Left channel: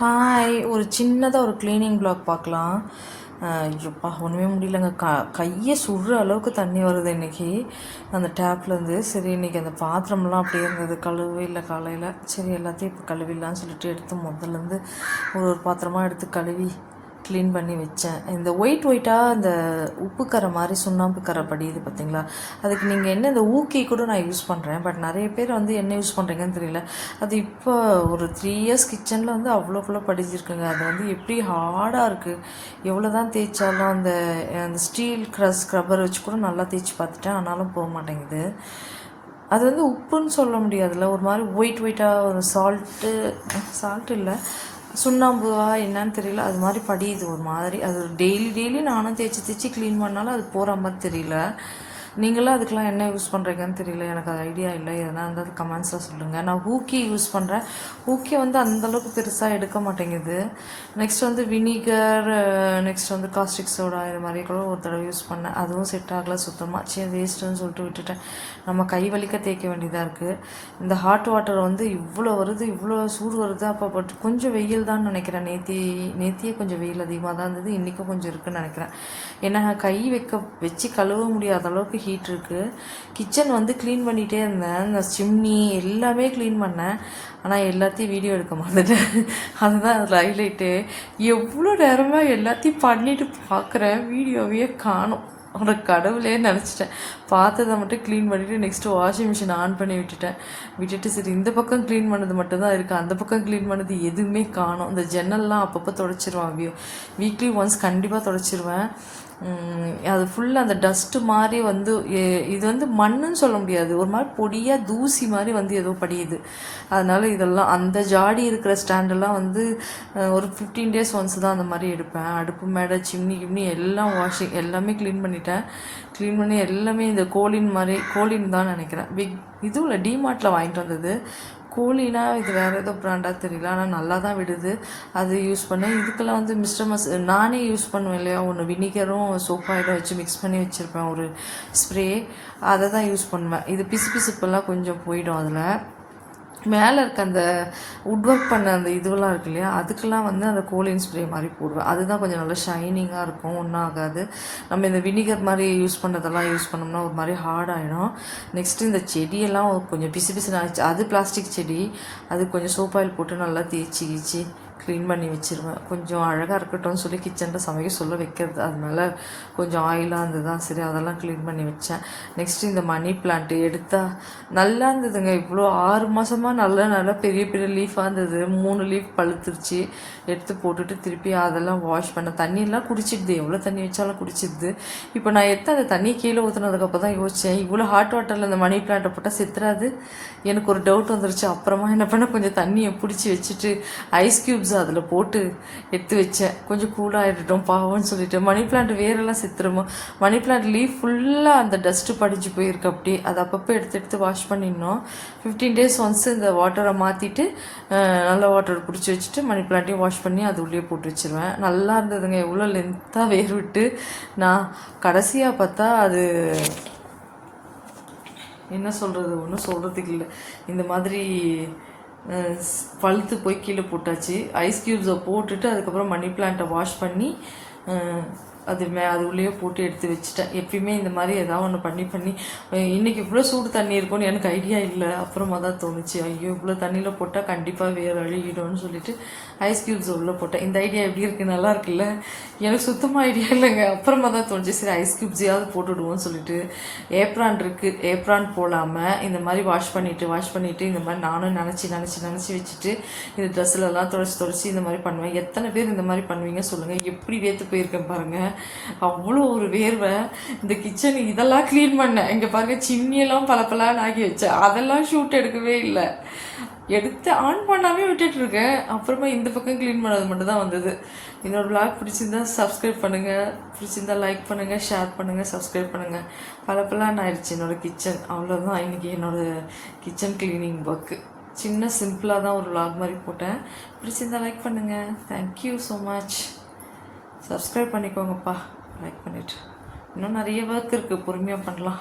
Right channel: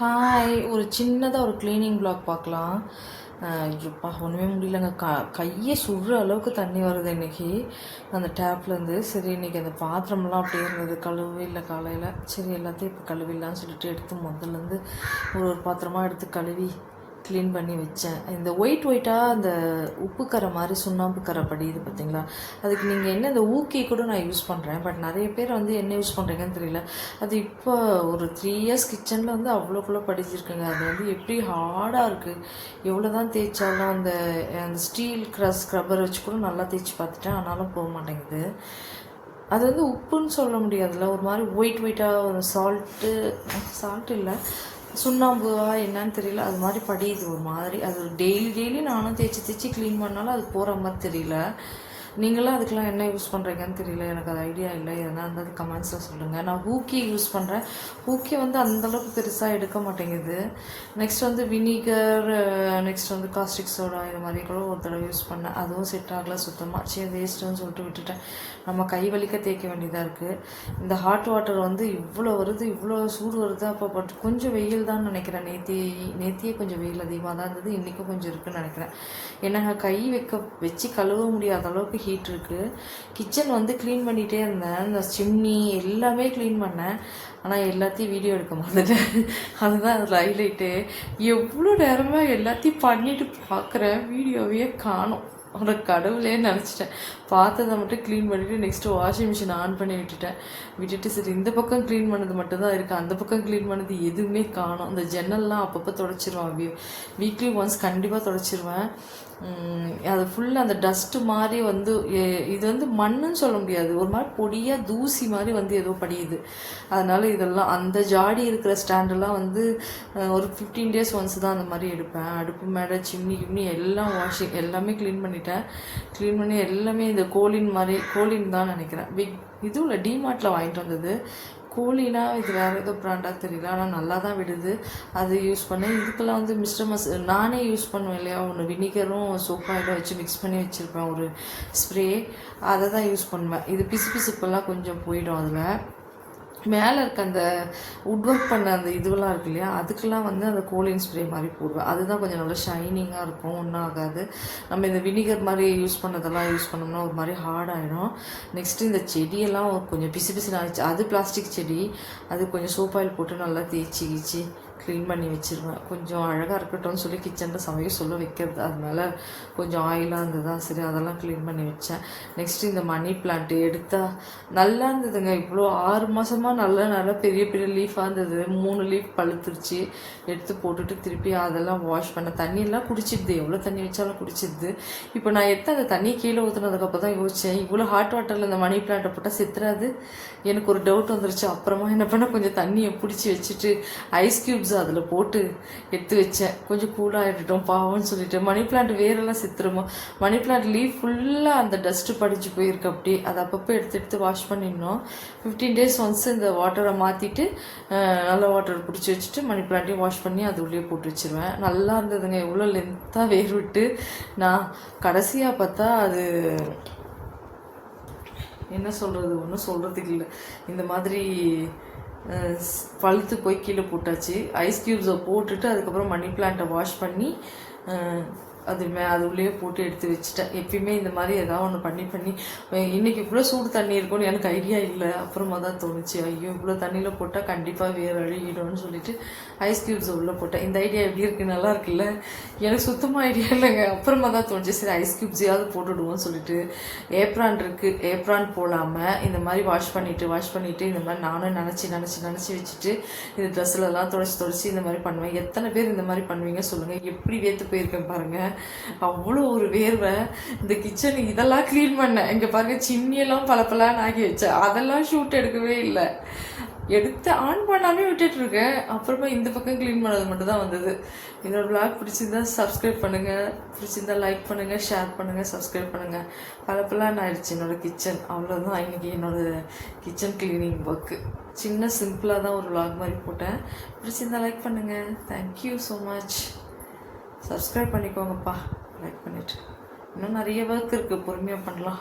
Hi ஒரு சின்னதாக ஒரு க்ளீனிங் பிளாக் பார்க்கலாம். ஐயோப்பா ஒன்றுமே முடியலங்க. க கையை சுடுற அளவுக்கு தண்ணி வருது இன்றைக்கி அந்த டேப்லேருந்து சரி இன்னைக்கு அந்த பாத்திரம்லாம் அப்படியே இருந்தது. கழுவு இல்லை காலையில். சரி எல்லாத்தையும் இப்போ கழுவிடலான்னு சொல்லிட்டு எடுத்து முதல்லேருந்து ஒரு ஒரு பாத்திரமாக எடுத்து கழுவி க்ளீன் பண்ணி வச்சேன். இந்த ஒயிட் ஒயிட்டாக இந்த உப்பு கரை மாதிரி சுண்ணாம்பு கரை படியுது பார்த்தீங்களா? அதுக்கு நீங்கள் என்ன இந்த ஊக்கி கூட நான் யூஸ் பண்ணுறேன் பட் நிறைய பேர் வந்து என்ன யூஸ் பண்ணுறீங்கன்னு தெரியல. அது இப்போ ஒரு த்ரீ இயர்ஸ் கிச்சனில் வந்து அவ்வளோக்குள்ளே படிச்சிருக்குங்க. அது வந்து எப்படி ஹார்டாக இருக்குது எவ்வளோ தான் தேய்ச்சாலும் அந்த அந்த ஸ்டீல் க்ரஸ் ஸ்க்ரப்பர் வச்சு கூட நல்லா தேய்ச்சி பார்த்துட்டேன். ஆனாலும் போக மாட்டேங்குது. அது வந்து உப்புன்னு சொல்ல முடியாதுல்ல. ஒரு மாதிரி ஒயிட் ஒயிட்டாக ஒரு சால்ட்டு சால்ட் இல்லை. சுண்ணாம்புவா என்னன்னு தெரியல. அது மாதிரி படியுது ஒரு மாதிரி. அது டெய்லி டெய்லி நானும் தேய்ச்சி தேய்ச்சி க்ளீன் பண்ணாலும் அது போகிற மாதிரி தெரியல. நீங்களும் அதுக்கெலாம் என்ன யூஸ் பண்ணுறீங்கன்னு தெரியல எனக்கு அது ஐடியா இல்லை. எதனா இருந்தால் கமெண்ட்ஸில் சொல்லுங்கள் நான் ஹூக்கி யூஸ் பண்ணுறேன் ஹூக்கி வந்து அந்தளவுக்கு பெருசாக எடுக்க மாட்டேங்குது. நெக்ஸ்ட் வந்து வினிகர் நெக்ஸ்ட் வந்து காஸ்டிக் சோடா இது மாதிரி கூட ஒரு தடவை யூஸ் பண்ணேன். அதுவும் செட் ஆகல சுத்தமாக சரி வேஸ்ட்டுன்னு சொல்லிட்டு விட்டுட்டேன். நம்ம கை வலிக்க தேய்க்க வேண்டியதாக இருக்குது இந்த ஹாட் வாட்டர் வந்து இவ்வளோ வருது இவ்வளோ சூடு வருது. அப்போ பட் கொஞ்சம் வெயில் தான் நினைக்கிறேன். நேத்தி நேத்தியே கொஞ்சம் வெயில் அதிகமாக தான் இருந்தது. இன்றைக்கும் கொஞ்சம் இருக்குன்னு நினைக்கிறேன். ஏன்னா கை வைக்க வச்சு கழுவ முடியாத அளவுக்கு ஹீட் இருக்குது கிச்சன் வந்து க்ளீன் பண்ணிகிட்டே இருந்தேன். இந்த சிம்னி எல்லாமே க்ளீன் பண்ணேன். ஆனால் எல்லாத்தையும் வீடியோ எடுக்க மாட்டேன் அதுதான் அதில் ஹைலைட்டு எவ்வளோ நேரமாக எல்லாத்தையும் பண்ணிட்டு பார்க்குறேன் வீடியோவே காணும். ஒரு கடவுளே நினச்சிட்டேன். பார்த்ததை மட்டும் க்ளீன் பண்ணிவிட்டு நெக்ஸ்ட்டு வாஷிங் மிஷின் ஆன் பண்ணி விட்டுட்டேன். விட்டுட்டு சரி இந்த பக்கம் க்ளீன் பண்ணது மட்டும்தான் இருக்குது அந்த பக்கம் க்ளீன் பண்ணது எதுவுமே காணும். இந்த ஜன்னல்லாம் அப்பப்போ தொடச்சிருவேன் வீக்லி ஒன்ஸ் கண்டிப்பாக தொடச்சிருவேன். அது ஃபுல்லாக அந்த டஸ்ட்டு மாதிரி வந்து இது வந்து மண்ணுன்னு சொல்ல முடியாது. ஒரு மாதிரி பொடியாக தூசி மாதிரி வந்து ஏதோ படியுது. அதனால் இதெல்லாம் அந்த ஜாடி இருக்கிற ஸ்டாண்டெல்லாம் வந்து ஒரு ஃபிஃப்டீன் டேஸ் ஒன்ஸ் தான் அந்த மாதிரி எடுப்பேன். அடுப்பு மேடை சிம்னி கிம்னி எல்லாம் வாஷிங் எல்லாமே க்ளீன் பண்ணிட்டேன். க்ளீன் பண்ணி எல்லாமே இந்த கோலின் மாதிரி கோலின் தான் நினைக்கிறேன். பிக் இதுவும் இல்லை டிமார்ட்டில் வாங்கிட்டு வந்தது. கூலினா இது வேறு ஏதோ ப்ராண்டாக தெரியல. ஆனால் நல்லா தான் விடுது. அது யூஸ் பண்ணேன் இதுக்கெல்லாம் வந்து மிஸ்டர் மஸ் நானே யூஸ் பண்ணுவேன் இல்லையா? ஒன்று வினிகரும் சோப் வச்சு மிக்ஸ் பண்ணி வச்சுருப்பேன். ஒரு ஸ்ப்ரே அதை தான் யூஸ் பண்ணுவேன். இது பிசு பிசுப்பெல்லாம் கொஞ்சம் போயிடும் அதில். மேலே இருக்க அந்த உட் ஒர்க் பண்ண அந்த இதுவெல்லாம் இருக்கு இல்லையா? அதுக்கெல்லாம் வந்து அந்த கோலின் ஸ்ப்ரே மாதிரி போடுவேன். அதுதான் கொஞ்சம் நல்லா ஷைனிங்காக இருக்கும். ஒன்றும் ஆகாது. நம்ம இந்த வினிகர் மாதிரி யூஸ் பண்ணதெல்லாம் யூஸ் பண்ணோம்னா ஒரு மாதிரி ஹார்ட் ஆகிடும் நெக்ஸ்ட்டு இந்த செடியெல்லாம் கொஞ்சம் பிசு பிசு அது பிளாஸ்டிக் செடி. அது கொஞ்சம் சோப்பாயில் போட்டு நல்லா தேய்ச்சி கீச்சி க்ளீன் பண்ணி வச்சுருவேன். கொஞ்சம் அழகாக இருக்கட்டும்னு சொல்லி கிச்சனில் சமைக்க சொல்ல வைக்கிறது. அதனால கொஞ்சம் ஆயிலாக இருந்ததுதான் சரி அதெல்லாம் க்ளீன் பண்ணி வச்சேன். நெக்ஸ்ட்டு இந்த மணி பிளான்ட்டு எடுத்தால் நல்லா இருந்ததுங்க. இவ்வளோ ஆறு மாதமாக நல்லா நல்லா பெரிய பெரிய லீஃபாக இருந்தது. மூணு லீஃப் பழுத்துருச்சு. எடுத்து போட்டுட்டு திருப்பி அதெல்லாம் வாஷ் பண்ண தண்ணியெல்லாம் குடிச்சிடுது. எவ்வளோ தண்ணி வச்சாலும் குடிச்சிடுது. இப்போ நான் எடுத்து அந்த தண்ணி கீழே ஊற்றுனதுக்கப்புறம் தான் யோசித்தேன் இவ்வளோ ஹாட் வாட்டரில் இந்த மணி பிளான்ட்டை போட்டால் செத்துறாது. எனக்கு ஒரு டவுட் வந்துருச்சு. அப்புறமா என்ன பண்ண கொஞ்சம் தண்ணியை பிடிச்சி வச்சுட்டு ஐஸ் க்யூப்ஸ் அதில் போட்டு எடுத்து வச்சேன். கொஞ்சம் கூலாகிட்டோம் பாவம்னு சொல்லிட்டு. மணி பிளான்ட் வேரெல்லாம் செத்துருமோ? மணி பிளான்ட் லீவ் ஃபுல்லாக அந்த டஸ்ட்டு படிஞ்சு போயிருக்கு அப்படி அதை அப்பப்போ எடுத்து எடுத்து வாஷ் பண்ணிடணும். ஃபிஃப்டீன் டேஸ் ஒன்ஸ் இந்த வாட்டரை மாற்றிட்டு நல்ல வாட்டர் பிடிச்சி வச்சுட்டு மணி பிளான்ட்டையும் வாஷ் பண்ணி அது உள்ளே போட்டு வச்சுருவேன். நல்லா இருந்ததுங்க. எவ்வளோ லென்த்தாக வேர் விட்டு நான் கடைசியாக பார்த்தா அது என்ன சொல்கிறது ஒன்றும் சொல்கிறதுக்கு இல்லை. இந்த மாதிரி பழுத்து போய் கீழே போட்டாச்சு. ஐஸ் க்யூப்ஸை போட்டுட்டு அதுக்கப்புறம் மணி பிளான்ட்டை வாஷ் பண்ணி அது மே அது உள்ளே போட்டு எடுத்து வச்சுட்டேன். எப்பயுமே இந்த மாதிரி ஏதாவது ஒன்று பண்ணி பண்ணி இன்றைக்கி இவ்வளோ சூடு தண்ணி இருக்கும்னு எனக்கு ஐடியா இல்லை. அப்புறமா தான் தோணுச்சு. ஐயோ இவ்வளோ தண்ணியில் போட்டால் கண்டிப்பாக வேறு அழுகிடும்னு சொல்லிட்டு ஐஸ் க்யூப்ஸ் உள்ளே போட்டேன். இந்த ஐடியா எப்படி இருக்குது நல்லா இருக்குல்ல? எனக்கு சுத்தமாக ஐடியா இல்லைங்க. அப்புறமா தான் தோணுச்சு. சரி ஐஸ் க்யூப்ஸையாவது போட்டுடுவோம்னு சொல்லிட்டு ஏப்ரான் இருக்குது ஏப்ரான் போடாமல் இந்த மாதிரி வாஷ் பண்ணிவிட்டு வாஷ் பண்ணிவிட்டு இந்த மாதிரி நானும் நினச்சி நினச்சி நினச்சி வச்சுட்டு இந்த ட்ரெஸ்லலாம் தொடச்சி தொடச்சி இந்த மாதிரி பண்ணுவேன். எத்தனை பேர் இந்த மாதிரி பண்ணுவீங்க சொல்லுங்கள் எப்படி வேத்து போயிருக்கேன் பாருங்கள் அவ்வளோ ஒரு வேர்வை. இந்த கிச்சன் இதெல்லாம் க்ளீன் பண்ணேன். இங்கே பாருங்க சிம்னியெல்லாம் பலப்பலான்னு ஆக்கி வச்சேன் அதெல்லாம் ஷூட் எடுக்கவே இல்லை. எடுத்து ஆன் பண்ணாமே விட்டுட்டு இருக்கேன். அப்புறமா இந்த பக்கம் க்ளீன் பண்ணது மட்டும் தான் வந்தது. என்னோட விளாக் பிடிச்சிருந்தா சப்ஸ்கிரைப் பண்ணுங்கள் பிடிச்சிருந்தா லைக் பண்ணுங்கள் ஷேர் பண்ணுங்கள் சப்ஸ்கிரைப் பண்ணுங்கள் பல பலான்னு ஆயிடுச்சு என்னோட கிச்சன் அவ்வளோதான் இன்றைக்கி என்னோடய கிச்சன் க்ளீனிங் ஒர்க்கு சின்ன சிம்பிளாக தான் ஒரு விளாக் மாதிரி போட்டேன். பிடிச்சிருந்தா லைக் பண்ணுங்கள் thank you so much subscribe பண்ணிக்கோங்கப்பா. Like பண்ணிவிட்டு இன்னும் நிறைய ஒர்க் இருக்குது பொறுமையாக பண்ணலாம்.